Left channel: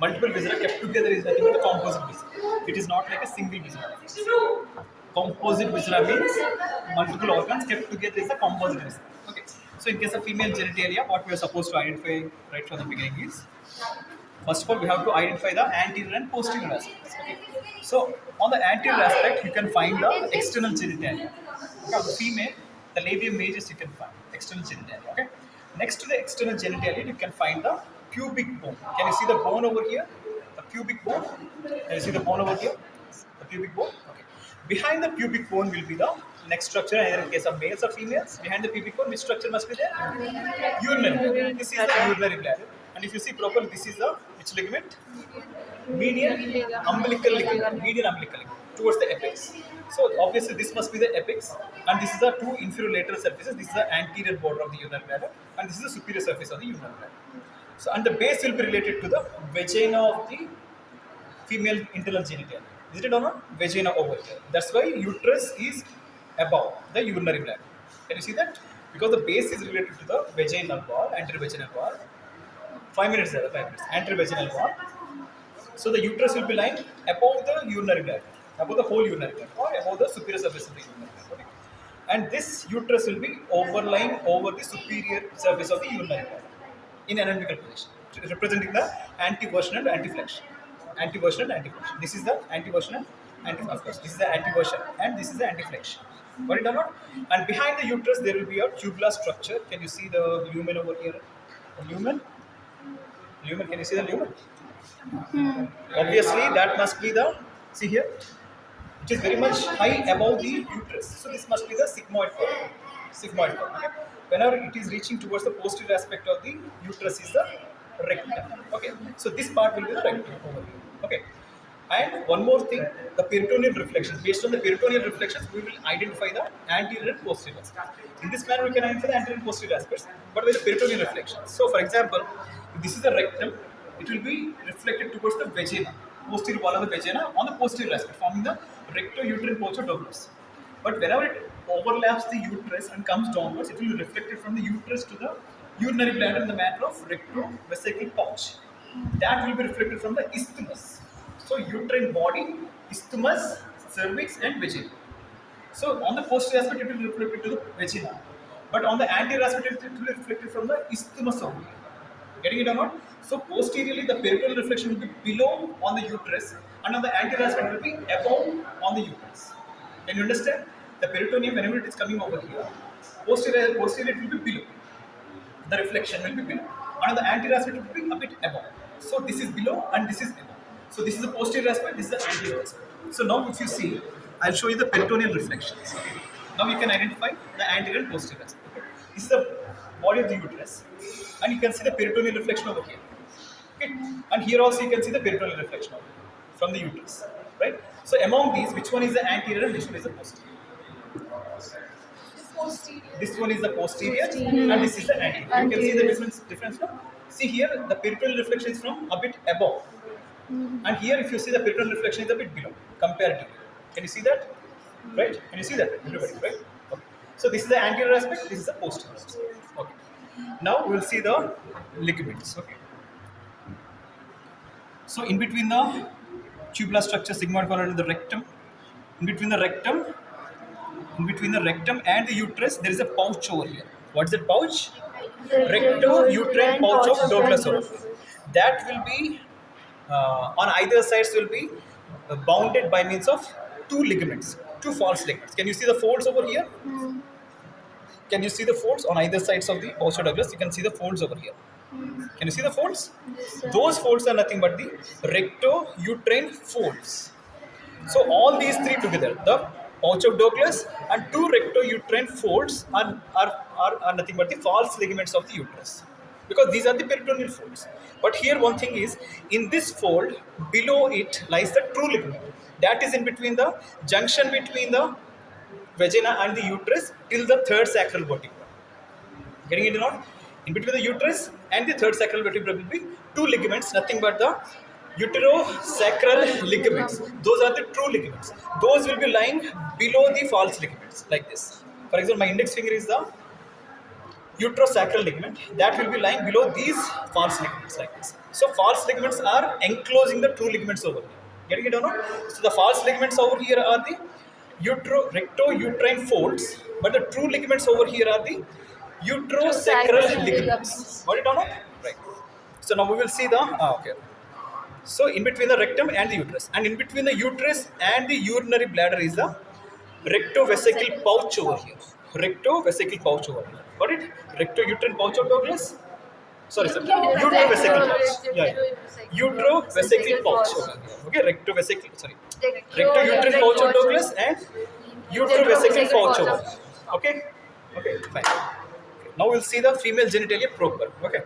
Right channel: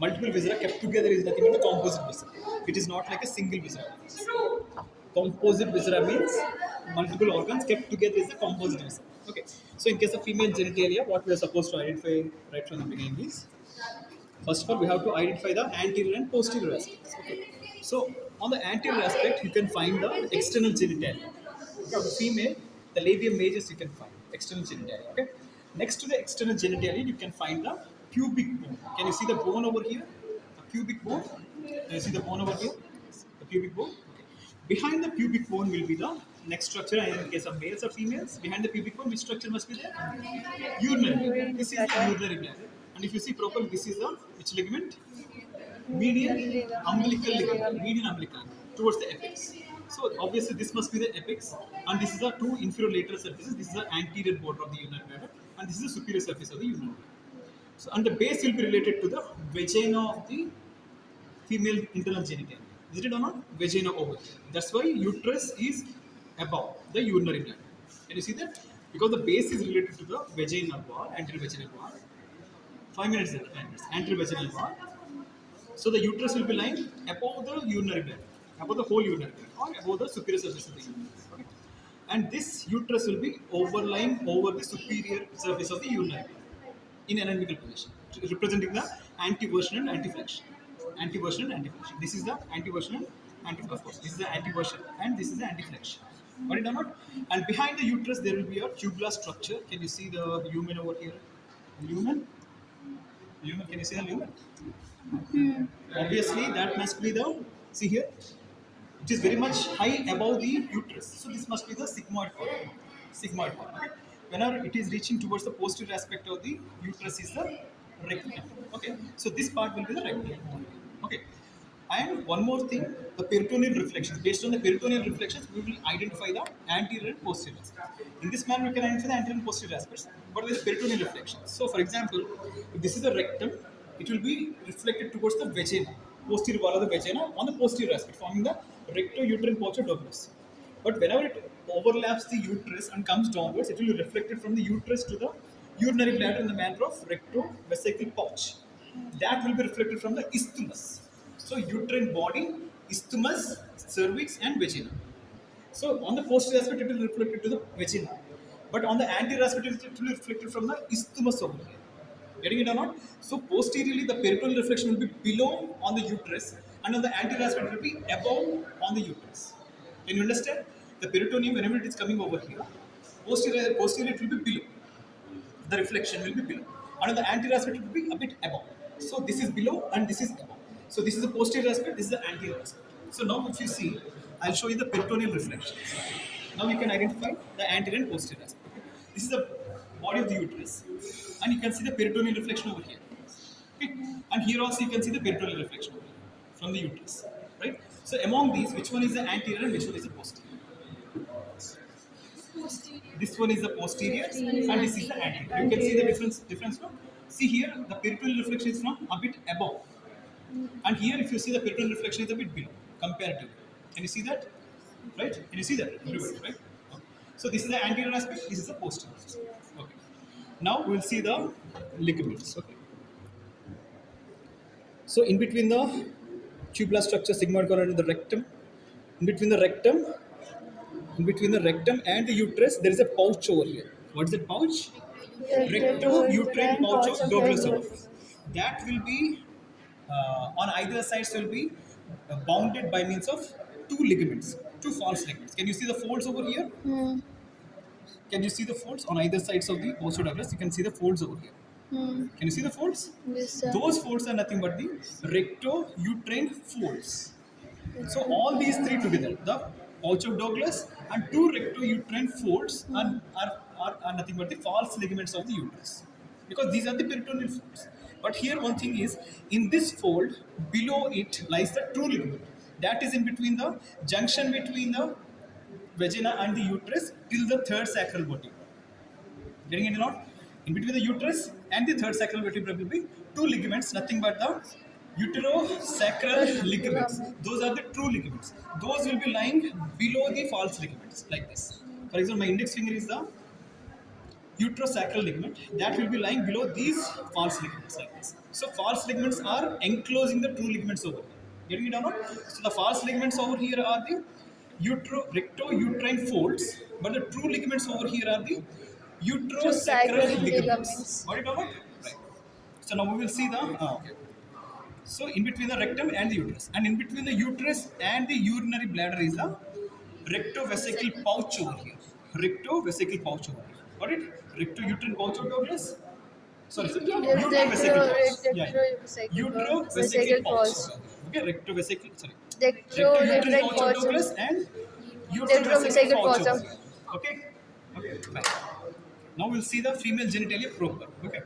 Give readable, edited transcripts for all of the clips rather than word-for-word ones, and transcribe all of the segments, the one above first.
Multiple viscera kept together is nothing but the composite viscera. It is not like a single viscera. Composite viscera means multiple organs kept together is a composite viscera. Okay. So in case of female genitalia, what we are supposed to identify right from the beginning is, first of all, we have to identify the anterior and posterior aspects. Okay. So on the anterior aspect, you can find the external genitalia. Okay. On the female, the labium majus you can find external genitalia. Okay. Next to the external genitalia, you can find the pubic bone. Can you see the bone over here? The pubic bone. Can you see the bone over here? The pubic bone. Okay. Behind the pubic bone will be the next structure, either in case of males or females. Behind the pubic bone, which structure must be there? Urinary bladder. This is the urinary bladder. And if you see properly, this is the which ligament? Median umbilical ligament. Median umbilical ligament towards the apex. So obviously this must be the apex, and this is the two inferior lateral surfaces. This is the anterior border of the urinary bladder, and this is the superior surface of the urinary bladder. So and the base will be related to the vagina of the female internal genitalia. Is it or not? Vagina over here. That's why uterus is above the urinary bladder. Can you see that? Because the base is related to the vaginal wall, anterior vaginal wall. 5 minutes there, 5 minutes. Anterior vaginal wall. So the uterus will be lying above the urinary bladder, above the whole urinary bladder, or above the superior surface of the urinary bladder. Okay? And this uterus will be overlying over the superior surface of the urinary bladder in anatomical position, representing the anteversion and anteflexion. Anteversion and anteflexion. This is the anteversion and of course, this is the anteversion and this is the anteflexion. Got it or not? And behind the uterus there will be a tubular structure. Can you see the lumen over here? The lumen. Lumen. Can you see the lumen? Obviously, that must be the, see here, it is very much high above the uterus. So this must be the sigmoid form. Sigmoid form. Okay. Whenever it is reaching towards the posterior aspect of the uterus is the rectum. Okay. So this part will be the rectum over here. Okay. And one more thing, the peritoneal reflections. Based on the peritoneal reflections, we will identify the anterior and posterior aspects. In this manner, we can identify the anterior and posterior aspects, but with the peritoneal reflections. So, for example, if this is the rectum, it will be reflected towards the vagina, posterior wall of the vagina on the posterior aspect, forming the recto-uterine pouch of Douglas. But whenever it overlaps the uterus and comes downwards, it will be reflected from the uterus to the urinary bladder in the manner of recto-vesical pouch. That will be reflected from the isthmus. So uterine body, isthmus, cervix and vagina. So on the posterior aspect it will be reflected to the vagina. But on the anterior aspect it will be reflected from the isthmus over here. Getting it or not? So posteriorly the peritoneal reflection will be below on the uterus and on the anterior aspect it will be above on the uterus. Can you understand? The peritoneum whenever it is coming over here, posterior it will be below. The reflection will be below. And on the anterior aspect it will be a bit above. So this is below and this is above. So this is the posterior aspect, this is the anterior aspect. So now if you see, I'll show you the peritoneal reflections. Now you can identify the anterior and posterior aspect. Okay? This is the body of the uterus. And you can see the peritoneal reflection over here. Okay? And here also you can see the peritoneal reflection over here from the uterus. Right? So among these, which one is the anterior and which one is the posterior? Posterior. This one is the posterior and this is the anterior. You can see the difference now. See here, the peritoneal reflection is from a bit above. And here, if you see the peritoneal reflection is a bit below, comparatively. Can you see that? Right? Can you see that, everybody? Right? Okay. So this is the anterior aspect. This is the posterior aspect. Okay. Now we will see the ligaments. Okay. So in between the tubular structure, sigmoid colon and the rectum, in between the rectum and the uterus, there is a pouch over here. What is that pouch? Recto-uterine pouch of Douglas over here. That will be on either sides will be bounded by means of two ligaments, two false ligaments. Can you see the folds over here? Can you see the folds on either sides of the pouch of Douglas? You can see the folds over here. Can you see the folds? Yes, Those folds are nothing but the recto-uterine folds. So all these three together, the pouch of Douglas and two recto-uterine folds are nothing but the false ligaments of the uterus, because these are the peritoneal folds. But here one thing is, in this fold, below it lies the true ligament. That is in between the junction between the vagina and the uterus till the third sacral vertebra. Getting it or not? In between the uterus and the third sacral vertebra will be two ligaments, nothing but the uterosacral ligaments. Those are the true ligaments. Those will be lying below the false ligaments, like this. For example, my index finger is the uterosacral ligament. That will be lying below these false ligaments, like this. So false ligaments are enclosing the true ligaments over here. Getting it or not? So the false ligaments over here are the recto-uterine folds, but the true ligaments over here are the uterosacral True ligaments. ligaments. Got it or not? Right. So now we will see the okay. So in between the rectum and the uterus, and in between the uterus and the urinary bladder is the rectovesical pouch over here. Rectovesical pouch over here. Got it? Recto-uterine pouch of Douglas. Sorry, sir. Utrovesical pouch. Yeah, yeah. Utrovesical pouch over here. Okay, rectovesical. Sorry, recto-uterine pouch of Douglas and utrovesical pouch over here. Okay, okay, fine. Okay. Now we'll see the female genitalia proper. Okay.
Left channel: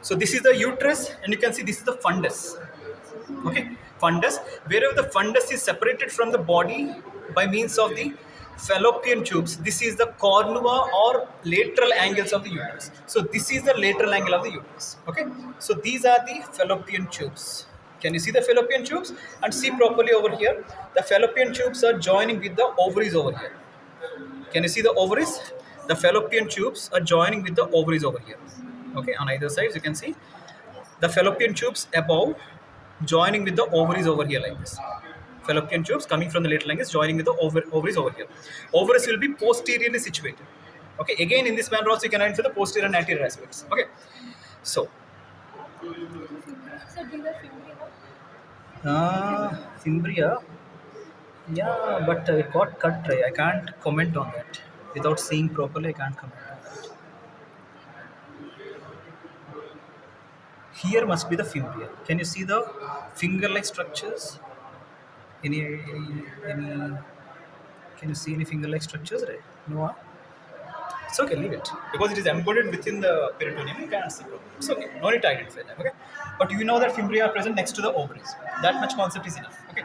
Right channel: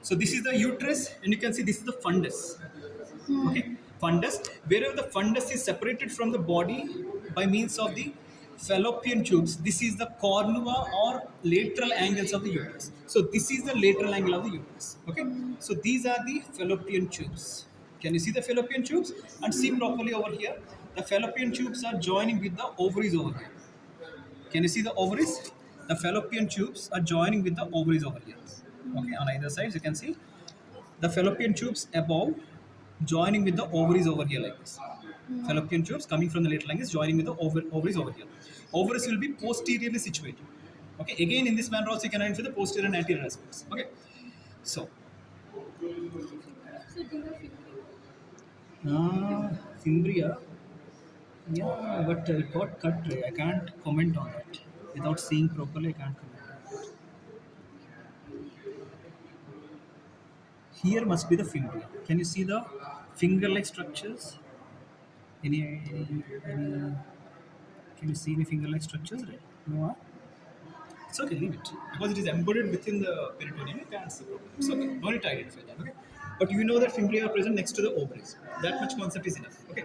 So this is the uterus, and you can see this is the fundus. Okay, fundus. Wherever the fundus is separated from the body by means of the fallopian tubes, this is the cornua or lateral angles of the uterus. So this is the lateral angle of the uterus. Okay, so these are the fallopian tubes. Can you see the fallopian tubes? And see properly over here. The fallopian tubes are joining with the ovaries over here. Can you see the ovaries? The fallopian tubes are joining with the ovaries over here. Okay, on either sides you can see the fallopian tubes above joining with the ovaries over here like this. Fallopian tubes coming from the lateral angles joining with the ovaries over here. Ovaries will be posteriorly situated. Okay, again in this manner also you can identify the posterior and anterior aspects. Okay, so fimbria, yeah, but it got cut dry. I can't comment on that without seeing properly. I can't comment on that. Here must be the fimbria. Can you see the finger-like structures? Any? Can you see any finger-like structures? Right? No. Huh? It's okay. Leave it because it is embedded within the peritoneum. You can't see properly. It's okay. No need to identify them. Okay. But you know that fimbria are present next to the ovaries. That much concept is enough. Okay.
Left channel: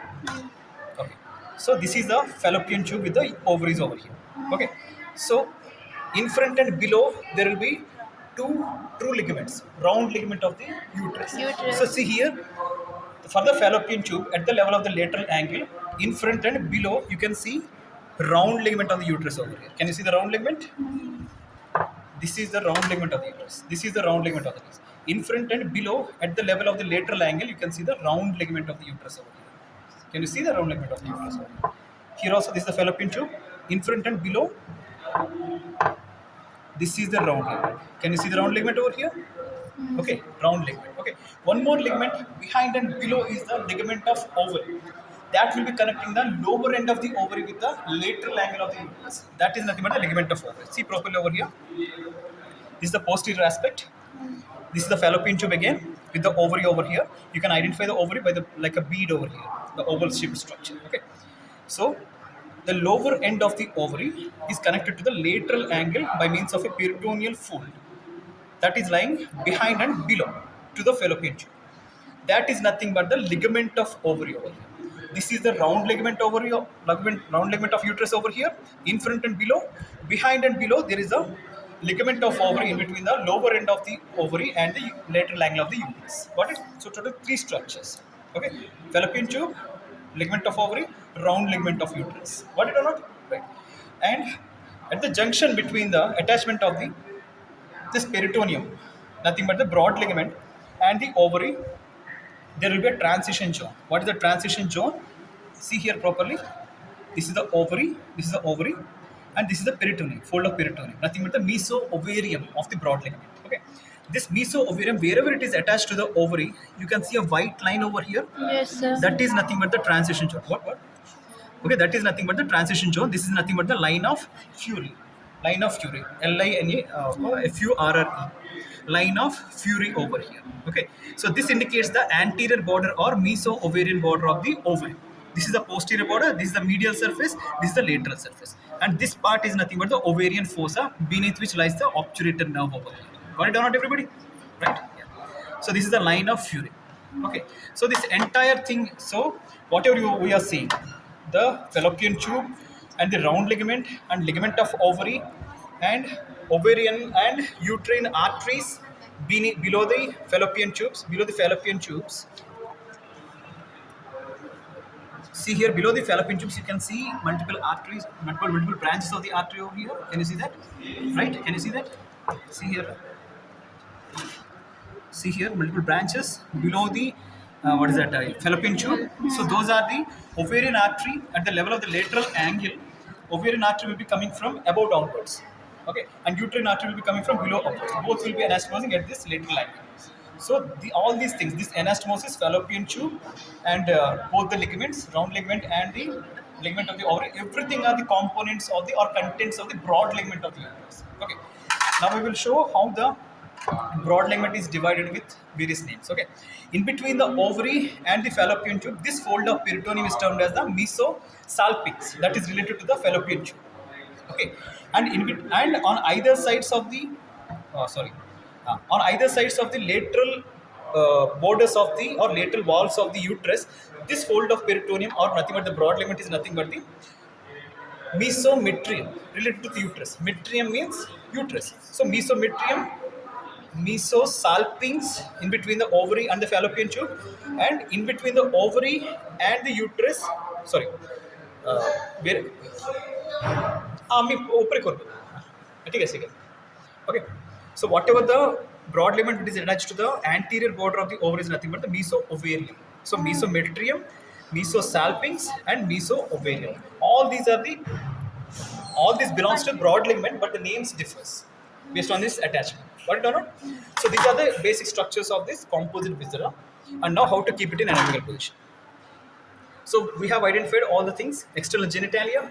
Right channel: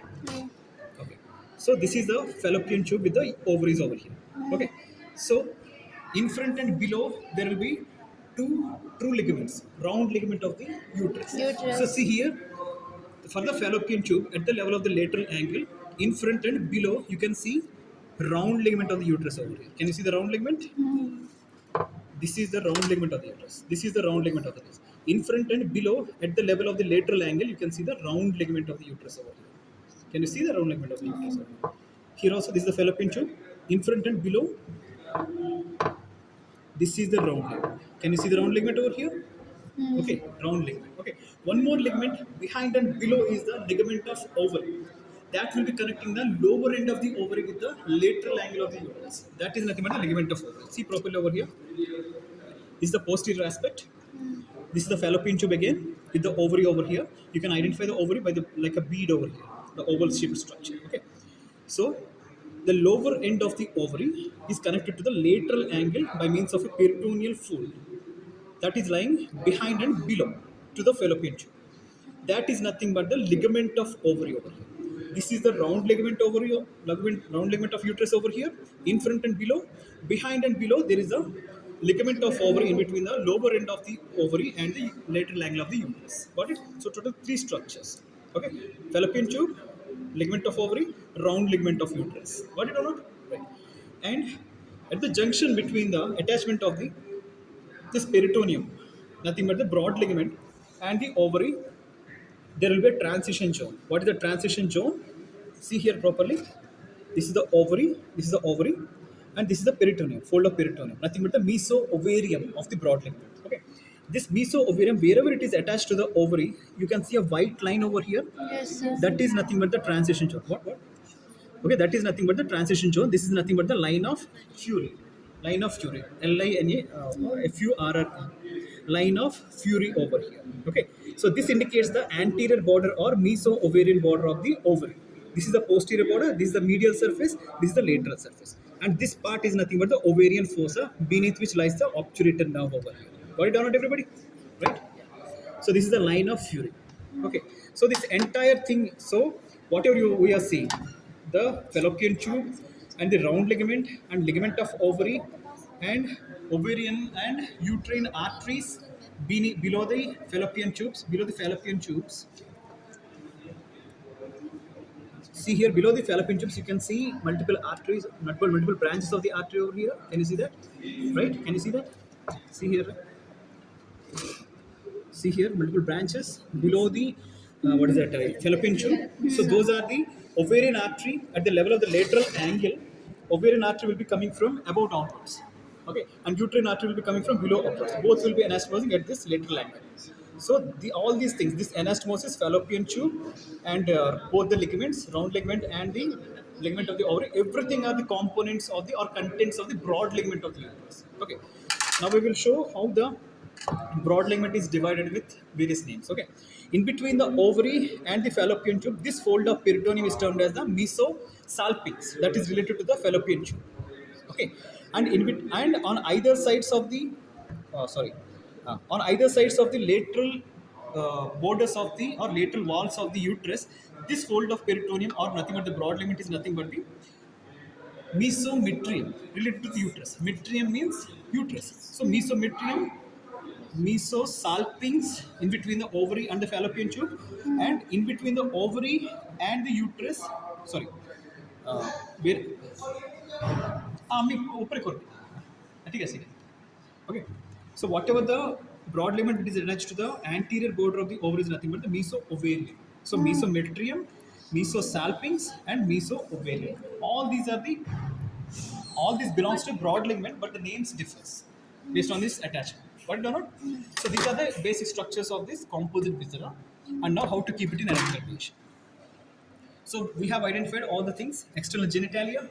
Okay. So this is the fallopian tube with the ovaries over here. Okay. So in front and below there will be two true ligaments, round ligament of the uterus. So see here, for the fallopian tube at the level of the lateral angle, in front and below you can see round ligament of the uterus over here. Can you see the round ligament? This is the round ligament of the uterus. This is the round ligament of the uterus. In front and below, at the level of the lateral angle, you can see the round ligament of the uterus over here. Can you see the round ligament of the uterus over here? Here also, this is the fallopian tube. In front and below, this is the round ligament. Can you see the round ligament over here? Okay, round ligament. Okay, one more ligament behind and below is the ligament of ovary. That will be connecting the lower end of the ovary with the lateral angle of the uterus. That is nothing but the ligament of ovary. See properly over here. This is the posterior aspect. This is the fallopian tube again with the ovary over here. You can identify the ovary by the like a bead over here, the oval shaped structure. Okay, so the lower end of the ovary is connected to the lateral angle by means of a peritoneal fold that is lying behind and below to the fallopian tube. That is nothing but the ligament of ovary over here. This is the round ligament ovary, round ligament of uterus over here, in front and below. Behind and below, there is a ligament of ovary in between the lower end of the ovary and the lateral angle of the uterus. Got it? So total three structures. Okay, fallopian tube, ligament of ovary, round ligament of uterus. Got it or not? Right. And at the junction between the attachment of the this peritoneum, nothing but the broad ligament and the ovary, there will be a transition zone. What is the transition zone? See here properly. This is the ovary, and this is the peritoneum, fold of peritoneum. Nothing but the meso-ovarium of the broad ligament. Okay. This meso-ovarium, wherever it is attached to the ovary, you can see a white line over here. Yes, sir. That is nothing but the transition zone. What? Okay, that is nothing but the transition zone. This is nothing but the line of Fury. Line of Fury. Linafurre. Line of Fury over here. Okay, so this indicates the anterior border or meso-ovarian border of the ovary. This is the posterior border, this is the medial surface, this is the lateral surface. And this part is nothing but the ovarian fossa, beneath which lies the obturator nerve over here. Got it or not, everybody? Right? Yeah. So this is the line of Fury. Okay, so this entire thing, so whatever we are seeing, the fallopian tube and the round ligament and ligament of ovary and ovarian and uterine arteries below the fallopian tubes. See here below the fallopian tubes, you can see multiple arteries, multiple branches of the artery over here. Can you see that? Right? Can you see that? See here. See here, multiple branches below the what is that? Fallopian tube. So those are the ovarian artery at the level of the lateral angle. Ovarian artery will be coming from above downwards. Okay, and uterine artery will be coming from below upwards. Both will be anastomosing at this lateral angle. So all these things, this anastomosis, fallopian tube, and both the ligaments, round ligament and the ligament of the ovary, everything are the components of the or contents of the broad ligament of the uterus. Okay. Now we will show how the broad ligament is divided with various names. Okay. In between the ovary and the fallopian tube, this fold of peritoneum is termed as the mesosalpinx. That is related to the fallopian tube. Okay, and and on either sides of the on either sides of the lateral borders of the or lateral walls of the uterus, this fold of peritoneum or nothing but the broad ligament is nothing but the mesometrium related to the uterus. Metrium means uterus. So mesometrium, mesosalpinx in between the ovary and the fallopian tube, and in between the ovary and the uterus. Sorry, where मी ऊपर कर दूँ ठीक है ठीक है okay. So whatever the broad ligament is attached to the anterior border of the ovary is nothing but the meso-ovarium. So mesometrium, mesosalpinx and meso-ovarium, all these belongs to broad ligament, but the names differs based on this attachment. Got it or not? So these are the basic structures of this composite viscera, and now how to keep it in anatomical position. So we have identified all the things: external genitalia,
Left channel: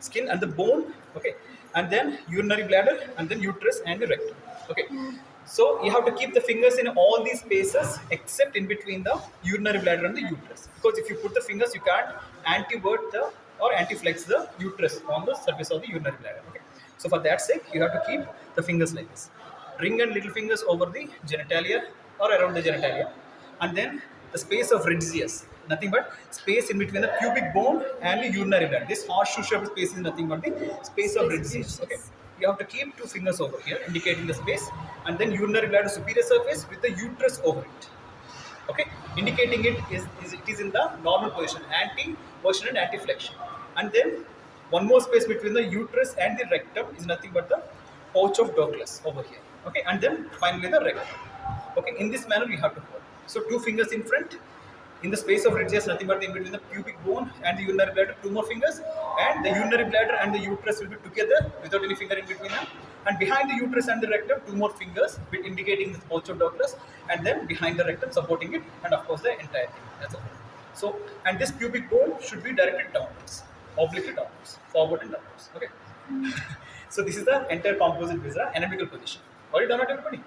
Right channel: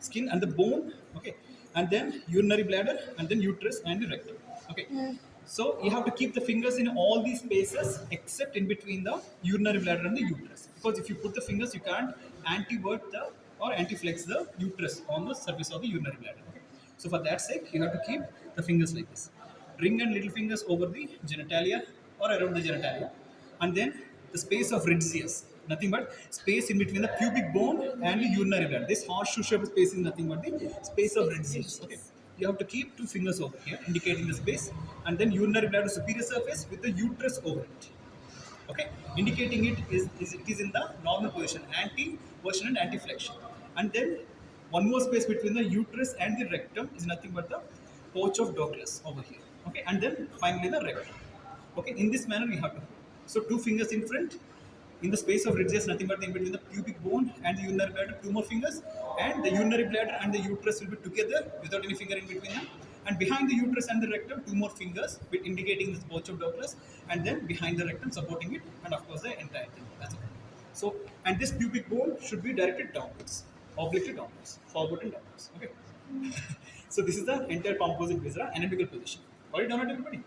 skin and the bone, okay, and then urinary bladder, and then uterus and the rectum. Okay, so you have to keep the fingers in all these spaces except in between the urinary bladder and the uterus, because if you put the fingers, you can't antivert the or antiflex the uterus on the surface of the urinary bladder. Okay, so for that sake, you have to keep the fingers like this: ring and little fingers over the genitalia or around the genitalia, and then the space of Ridgius, nothing but space in between the pubic bone and the urinary bladder. This horseshoe shaped space is nothing but the space of Ridgius. Okay, you have to keep two fingers over here indicating the space, and then urinary bladder superior surface with the uterus over it. Okay, indicating it is in the normal position, anti-version and anti-flexion. And then one more space between the uterus and the rectum is nothing but the pouch of Douglas over here. Okay, and then finally the rectum. Okay, in this manner we have to hold. So two fingers in front, in the space of Ridgius, nothing but in between the pubic bone and the urinary bladder, two more fingers, and the urinary bladder and the uterus will be together without any finger in between them. And behind the uterus and the rectum, two more fingers indicating the pouch of Douglas, and then behind the rectum supporting it, and of course the entire thing. That's all. So, and this pubic bone should be directed downwards, obliquely downwards, forward and downwards. Okay. So this is the entire composite viscera anatomical position. Got it or not, everybody?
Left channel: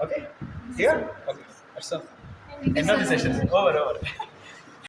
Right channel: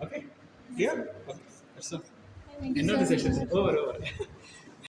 Okay. Here. Okay. That's all. End of the session. Over.